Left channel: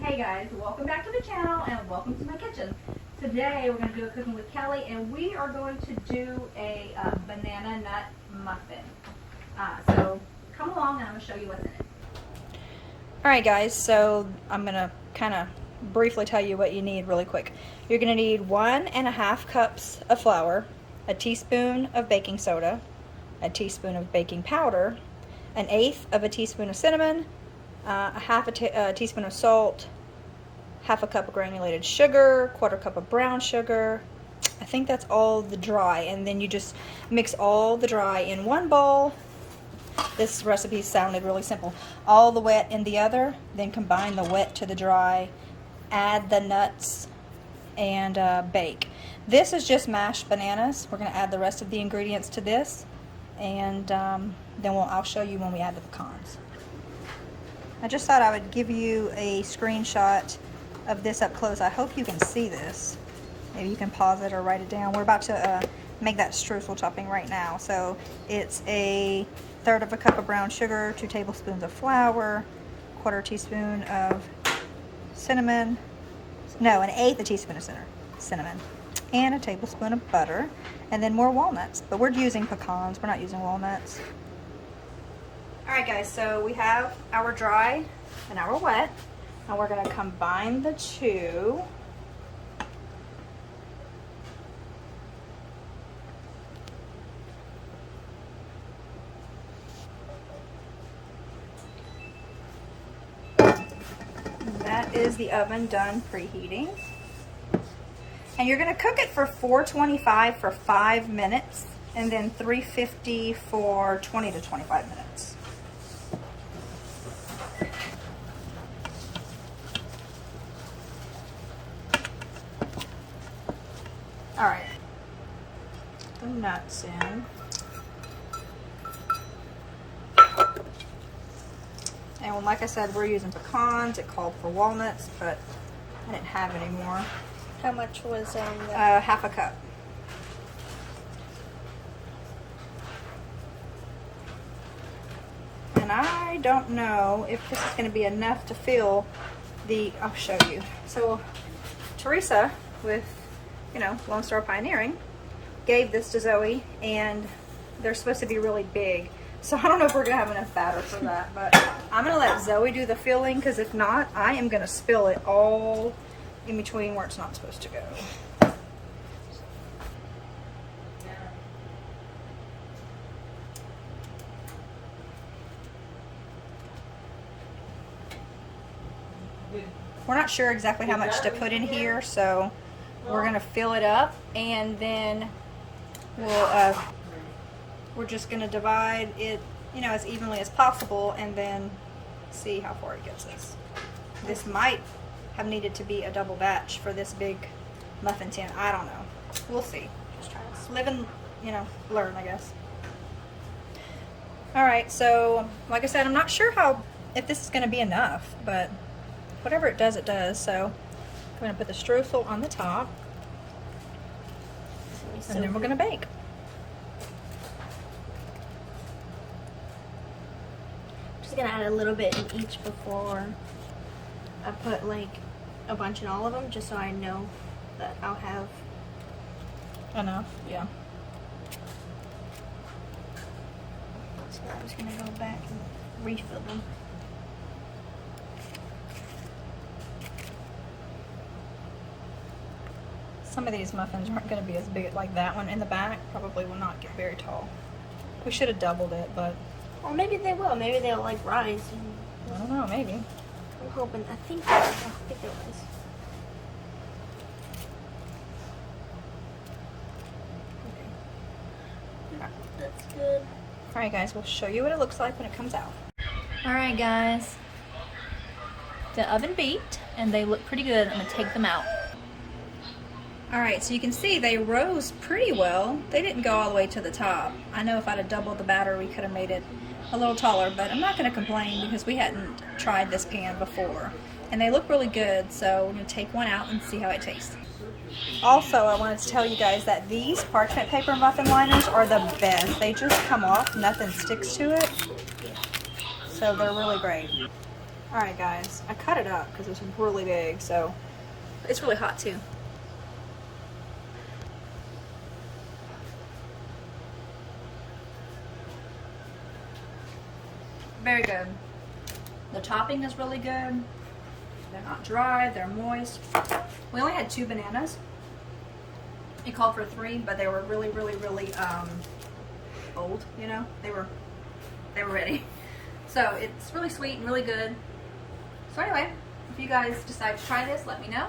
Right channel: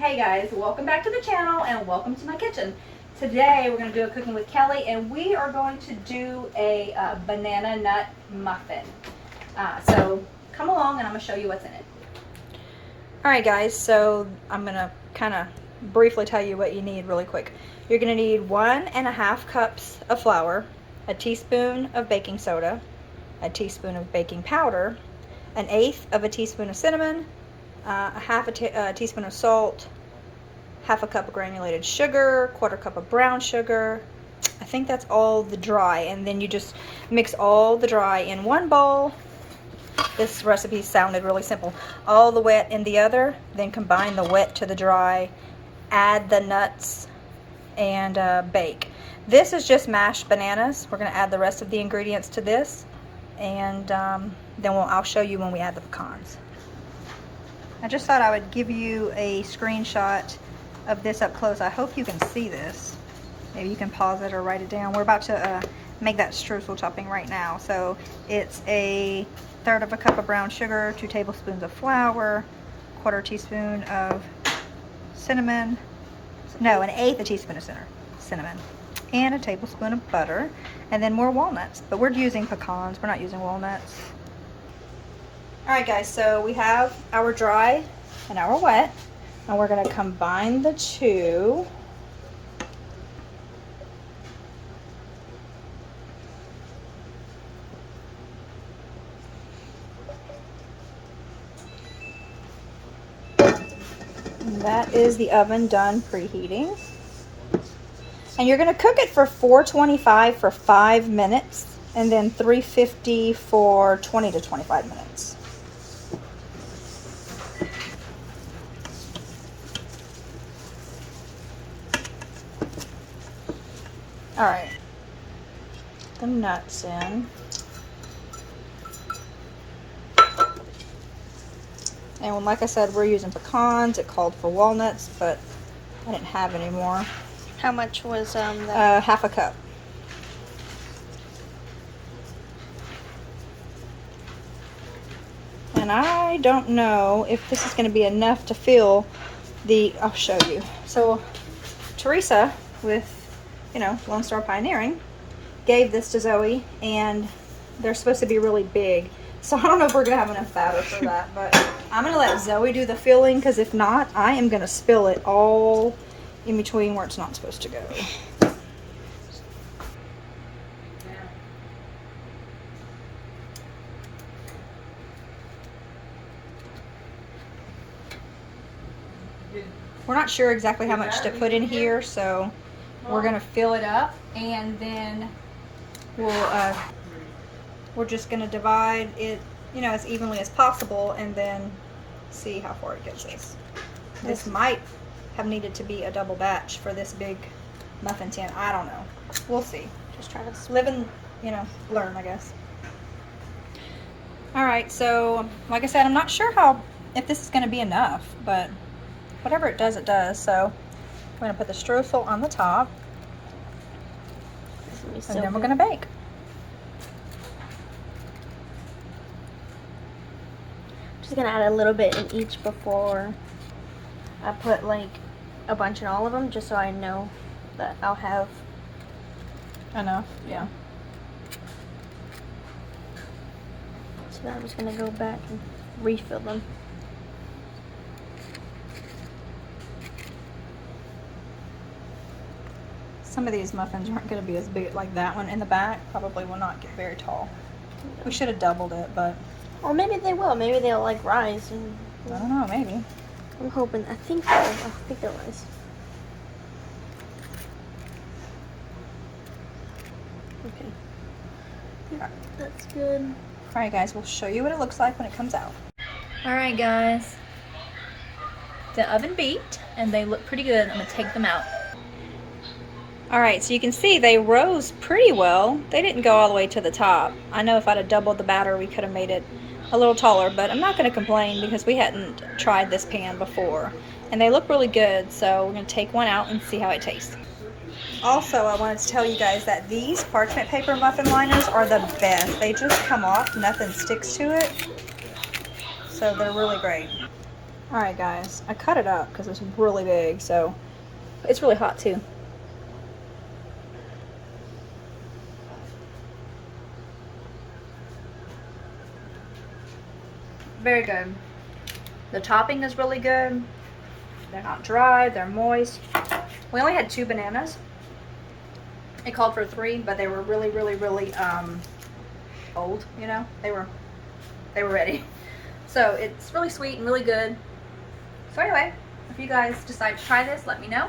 Hey guys, welcome back to the channel and welcome to my kitchen. Today we're going to do a cooking with Kelly and we are going to do a banana nut muffin. So come along and I'm going to show you what's in it. Alright guys, so I'm going to kind of briefly tell you what you need really quick. You're going to need 1.5 cups of flour, a teaspoon of baking soda, a teaspoon of baking powder, 1/8 of a teaspoon of cinnamon, a teaspoon of salt, 1/2 cup of granulated sugar, 1/4 cup of brown sugar. I think that's all the dry, and then you just mix all the dry in one bowl. This recipe sounded really simple. All the wet in the other, then combine the wet to the dry, add the nuts, and bake. This is just mashed bananas. We're going to add the rest of the ingredients to this, and then I'll show you when we add the pecans. I just thought I would give you a screenshot of this up close. I hope you can see this. Maybe you can pause it or write it down. We're about to make that streusel topping right now. So it's 1/3 of a cup of brown sugar, 2 tablespoons of flour, 1/4 teaspoon of cinnamon, no, 1/8 a teaspoon of cinnamon, and a tablespoon of butter, and then more walnuts. But we're using pecans, we're not using walnuts. Alright guys, so we have our dry and our wet. Now we're going to combine the two. And that is the oven done preheating. And you're going to cook it for 425 for 5 minutes and then 350 for 20 to 25 minutes. All right, the nuts in. And like I said, we're using pecans. It called for walnuts, but I didn't have any more. How much was that? 1/2 cup. And I don't know if this is going to be enough to fill the, I'll show you. So Teresa, with Lone Star Pioneering, gave this to Zoe, and they're supposed to be really big. So I don't know if we're going to have enough batter for that, but I'm going to let Zoe do the filling, because if not, I am going to spill it all in between where it's not supposed to go. We're not sure exactly how much to put in here, so we're going to fill it up, and then we're just going to divide it, as evenly as possible, and then see how far it gets us. This might have needed to be a double batch for this big muffin tin. I don't know. We'll see. Just try to Live and, learn, I guess. Alright, so like I said, I'm not sure if this is going to be enough, but whatever it does, it does. So we're going to put the streusel on the top, and then we're going to bake. Just gonna add a little bit in each before I put like a bunch in all of them, just so I know that I'll have Enough, yeah. So now I'm just gonna go back and refill them. Some of these muffins aren't going to be as big, like that one in the back probably will not get very tall. We should have doubled it, but Or maybe they will. Maybe they'll like rise. And I don't know, maybe. I'm hoping. I think they'll rise. Okay. That's good. Alright guys, we'll show you what it looks like when it comes out. Alright guys, the oven beeped and they look pretty good. I'm going to take them out. Alright, so you can see they rose pretty well. They didn't go all the way to the top. I know if I'd have doubled the batter, we could have made it a little taller, but I'm not going to complain because we hadn't tried this pan before. And they look really good, so we're going to take one out and see how it tastes. Also, I wanted to tell you guys that these parchment paper muffin liners are the best. They just come off, nothing sticks to it. So they're really great. Alright guys, I cut it up because it's really big, so it's really hot too. Very good. The topping is really good. They're not dry, they're moist. We only had 2 bananas. It called for 3, but they were really old, you know? They were ready. So it's really sweet and really good. So anyway, if you guys decide to try this, let me know.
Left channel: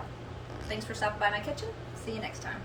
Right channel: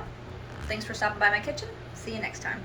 Thanks for stopping by my kitchen. See you next time.